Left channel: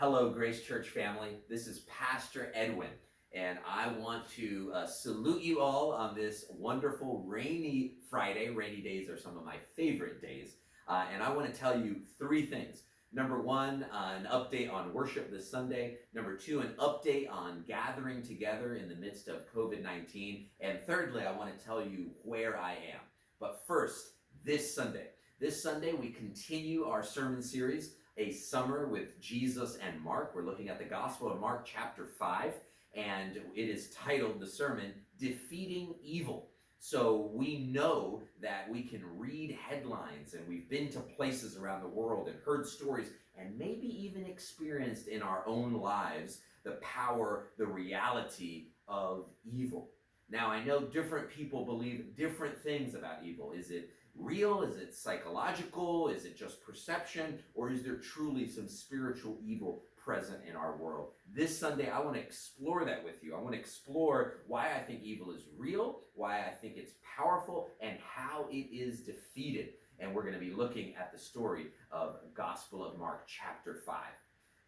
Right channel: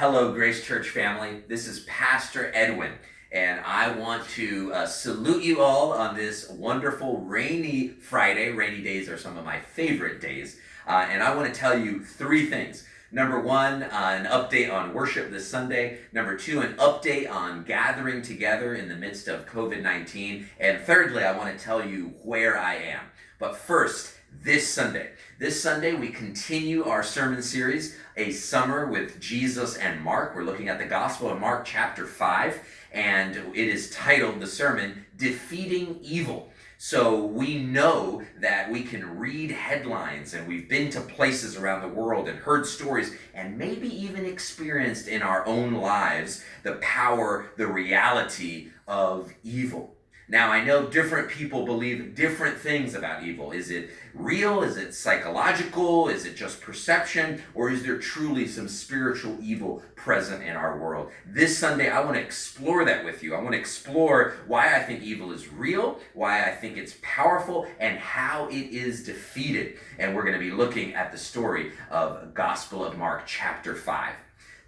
Hello, Grace Church family. This is Pastor Edwin, and I want to salute you all on this wonderful rainy Friday. Rainy days are some of my favorite days, and I want to tell you three things. Number one, an update on worship this Sunday. Number two, an update on gathering together in the midst of COVID-19. And thirdly, I want to tell you where I am. But first, this Sunday, we continue our sermon series, A Summer with Jesus and Mark. We're looking at the Gospel of Mark chapter 5, and it is titled, the sermon, Defeating Evil. So we know that we can read headlines, and we've been to places around the world and heard stories and maybe even experienced in our own lives the power, the reality of evil. Now, I know different people believe different things about evil. Is it real? Is it psychological? Is it just perception? Or is there truly some spiritual evil present in our world? This Sunday, I want to explore that with you. I want to explore why I think evil is real, why I think it's powerful, and how it is defeated. And we're going to be looking at the story of Gospel of Mark chapter 5.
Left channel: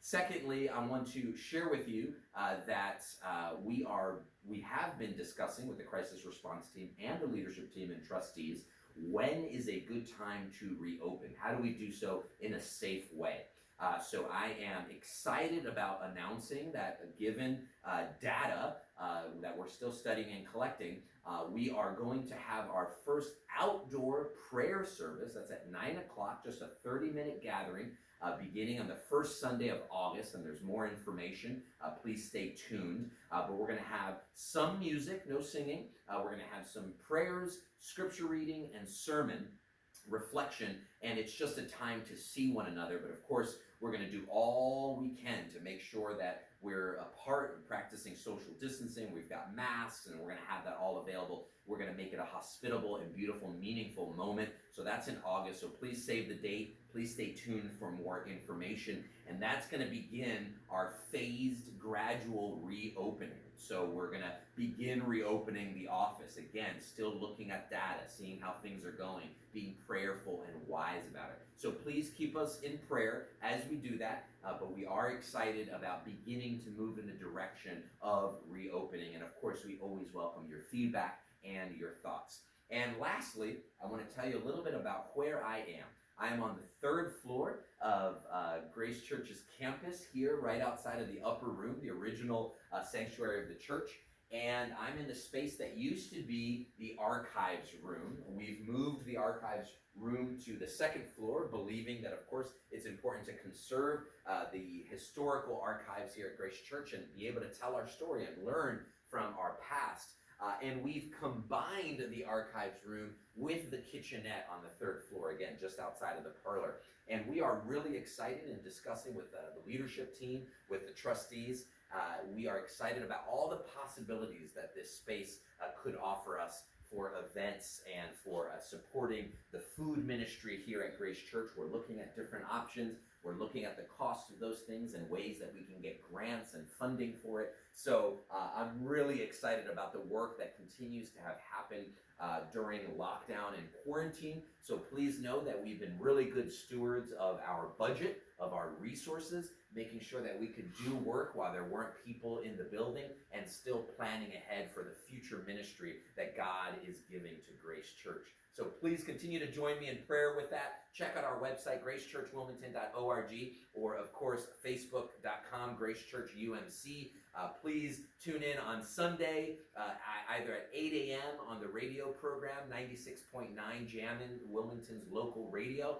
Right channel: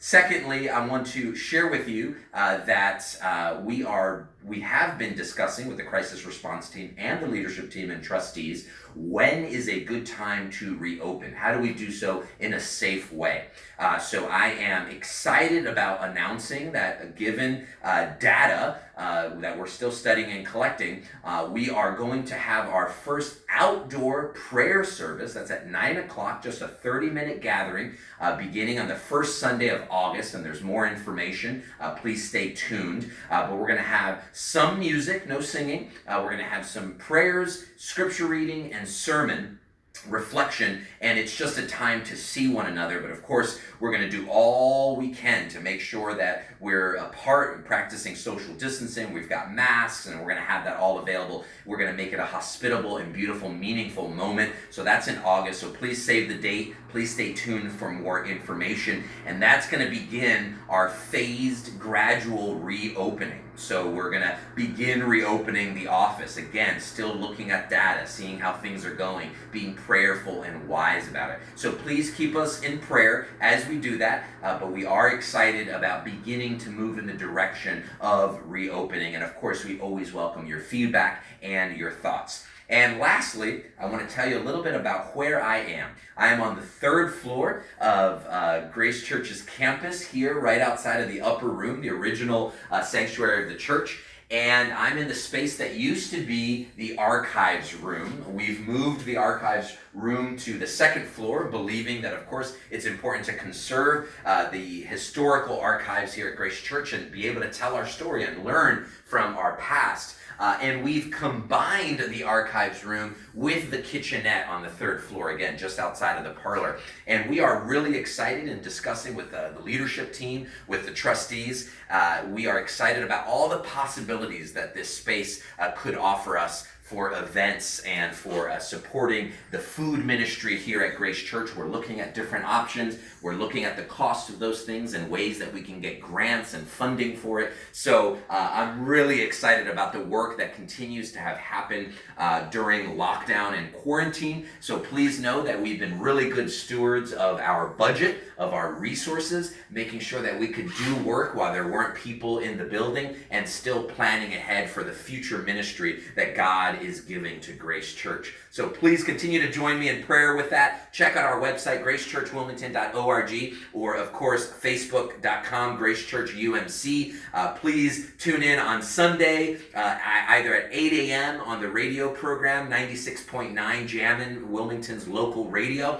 Secondly, I want to share with you that we have been discussing with the crisis response team and the leadership team and trustees, when is a good time to reopen? How do we do so in a safe way? So I am excited about announcing that given data that we're still studying and collecting, we are going to have our first outdoor prayer service. That's at 9 o'clock, just a 30-minute gathering beginning on the first Sunday of August, and there's more information. Please stay tuned. But we're going to have some music, no singing. We're going to have some prayers, scripture reading, and sermon reflection, and it's just a time to see one another. But of course, we're going to do all we can to make sure that we're apart and practicing social distancing. We've got masks, and we're going to have that all available. We're going to make it a hospitable and beautiful, meaningful moment. So that's in August. So please save the date. Please stay tuned for more information. And that's going to begin our phased, gradual reopening. So we're going to begin reopening the office. Again, still looking at data, seeing how things are going, being prayerful and wise about it. So please keep us in prayer as we do that. But we are excited about beginning to move in the direction of reopening. And of course, we always welcome your feedback and your thoughts. And lastly, I want to tell you a little bit about where I am. I am on the third floor of Grace Church's campus here, right outside of the upper room, the original sanctuary of the church. And I'm in the space that used to be the archives room. We've moved the archives room to the second floor, believing that, of course, it's important to conserve the historical archives here at Grace Church and be able to tell our story and learn from our past. And we've combined the archives room with the kitchenette on the third floor, again, just outside of the parlor. And we are really excited in discussing with the leadership team, with the trustees. We are excited about all the possibilities that this space could offer us for events and for supporting the food ministry here at Grace Church. We're looking at different options. We're looking at the cost of those things and ways that we can get grants and funding for it. So I'm really excited about the work that continues to have happened during lockdown and quarantine. So please know that we've been really good stewards of our budget, of our resources, making sure that we could do work while there weren't people in the building and still planning ahead for the future ministry that God is giving to Grace Church. So please continue to join me in prayer with that. Check out our website, gracechurchwilmington.org, or of course, facebook.com, gracechurchumc. Please tune in on Sunday, either at 8 a.m. on the radio program, 96.9 Jammin', Wilmington's local radio,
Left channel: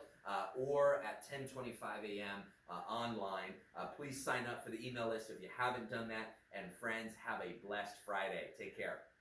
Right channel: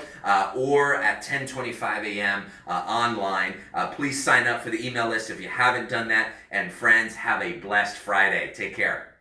or at 10:25 a.m. Online. Please sign up for the email list if you haven't done that. And friends, have a blessed Friday. Take care.